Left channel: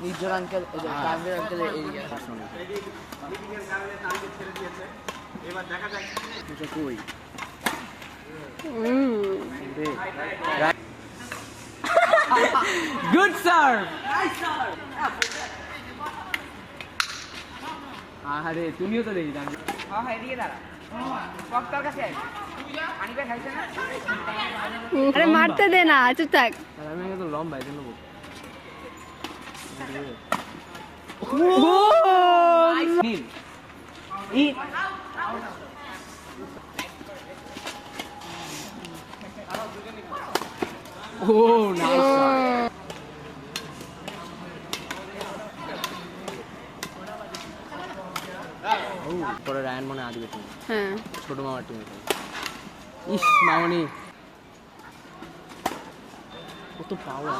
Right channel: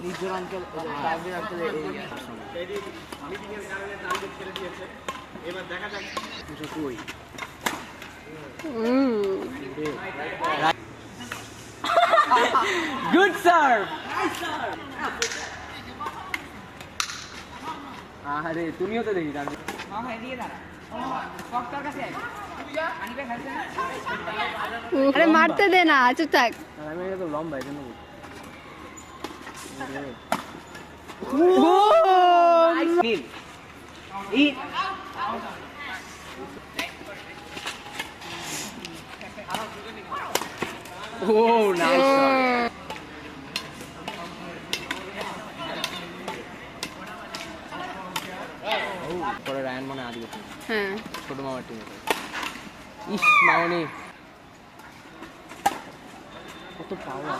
নির্জন uncle uncle এবার দেখা যাক কই গুড স্যার আরে তুমিও তো দেখি আরে মারতে দে না, চুপ থাক। লম্বা রায়ন মানে আদি হ্যাঁ ছোট মামার টিমে ইস মামনি কত পাওয়ার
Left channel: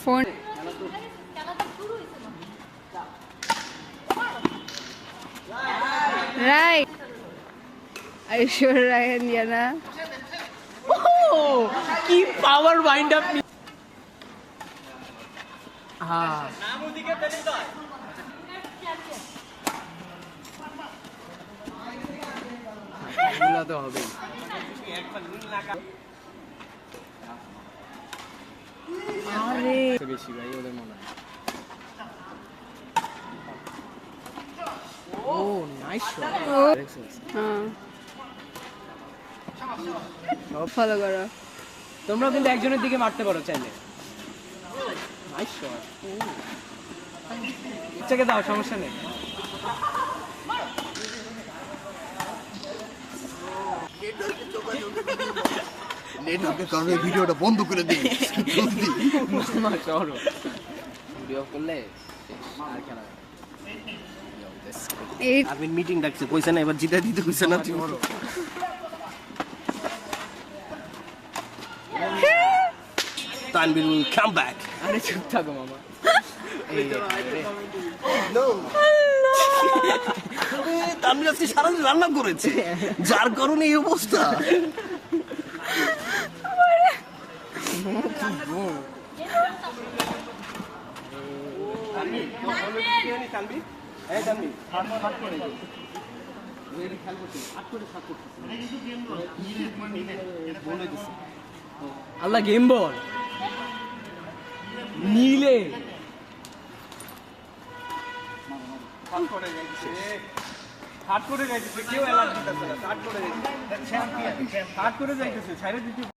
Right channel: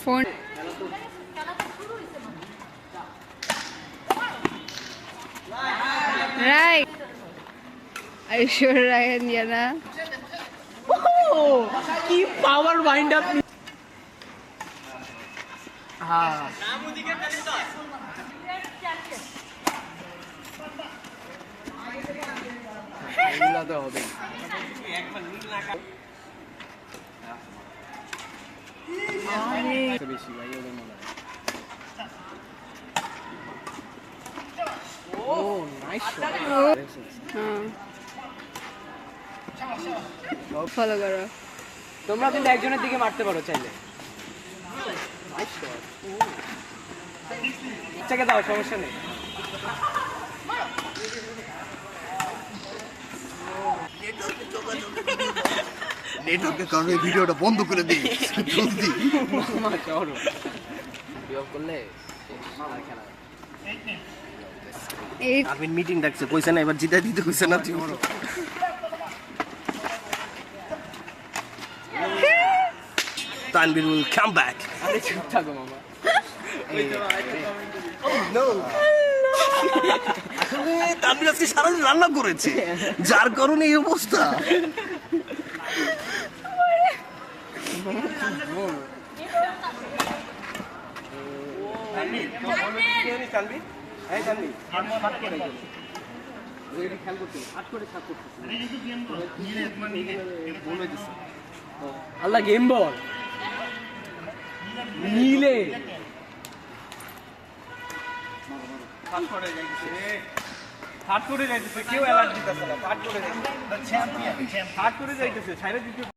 ফোন রাইট আইশ্বর রায়ন জানা কি পাওয়ার মাইন্ড আপ হবে বেশি ভাই ওদের মনে হয় ও নাইস শট ফলো করো তোমরা কিন্তু একজনের দিকে মারতে পারো চাইলে নাইস শট ইচ্ছাকে দাও সমস্যা নেই নেটওয়ার্কের কারণে ভিডিওটা বন্ধ করে দে জলদি ভিডিও করলে আমিন মিটিং ডাকছে কইছে না এবার জিতা দিতে কইছে না তুমি তানভীর will come back আরে চুপ থাকো মামা তানভীর আজকে সারাদিন রান্না করেছে যার কারণে এই অবস্থা আল্লাহ গেম বল নীলে হাত করে যাইতেছে কেউ অ্যালার্ট দিতেছে না হাত করে যাইতেছে ছাইরে দিতে